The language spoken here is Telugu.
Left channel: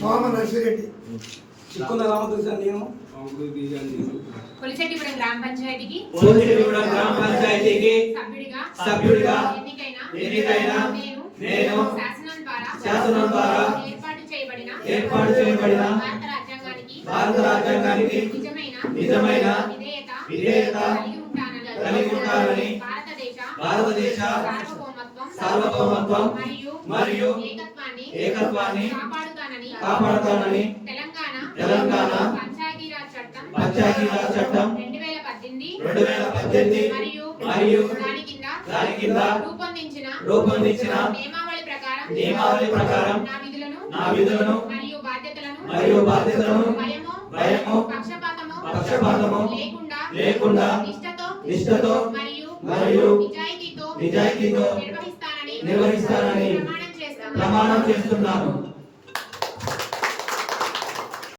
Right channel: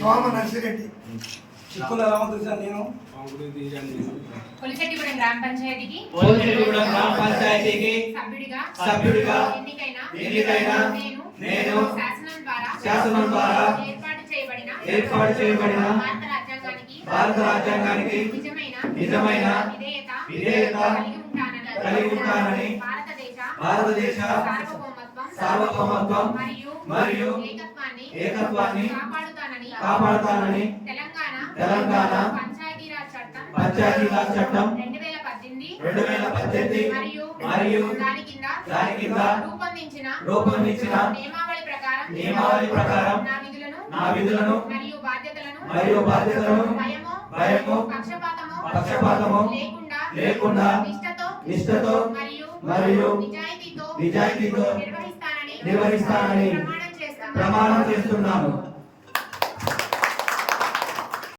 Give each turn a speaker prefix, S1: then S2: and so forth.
S1: సోమ నర్సిరెడ్డి చిక్కుల రామకృష్ణ నేను
S2: కొలిశెట్టిగూడెం గ్రామ పంచాయతీకి
S3: పోలిరెడ్డిగూడెం గ్రామ పంచాయతీకి
S2: సభ్యుడిగా
S3: సభ్యుడిగా
S2: ఎన్నికైన
S3: ఎన్నికైన
S2: నేను
S3: నేను
S2: శాసనం ద్వారా
S3: శాసనం ద్వారా
S2: ఏర్పాటు చేయబడిన
S3: ఏర్పాటు చేయబడిన
S2: భారత రాజ్యాంగానికి
S3: భారత రాజ్యాంగానికి
S2: నిజమైన
S3: నిజమైన
S2: విధేయత
S3: విధేయత
S2: కలిగి ఉంటానని
S3: కలిగి ఉంటానని
S2: భారతదేశ
S3: భారతదేశ
S2: సార్వభౌమత్వం మరియు ఏకత్వాన్ని కాపాడుతానని
S3: తెలంగాణ
S2: పంచాయతీరాజ్ చట్టం
S3: పంచాయతీరాజ్ చట్టం
S2: రెండు వేల పద్దెనిమిది
S3: రెండు వేల పద్దెనిమిది
S2: మరియు
S3: మరియు
S2: దాని కింద
S3: దాని కింద
S2: రూపొందించిన
S3: రూపొందించిన
S2: నియమావళి ప్రకారం
S3: నియమావళి ప్రకారం
S2: నా విధులను
S3: నా విధులను
S2: మరియు బాధ్యతలను
S3: మరియు బాధ్యతలను
S2: భయము
S3: భయము
S2: పక్షపాతము
S3: పక్షపాతము
S2: లేకుండా
S3: లేకుండా
S2: నిష్ఠతో
S3: నిష్ఠతో
S2: మరియు
S3: మరియు
S2: నిజాయితీతో
S3: నిజాయితీతో
S2: నిర్వహిస్తానని
S3: నిర్వహిస్తానని
S2: ప్రమాణం చేస్తున్నాను
S3: ప్రమాణం చేస్తున్నాను.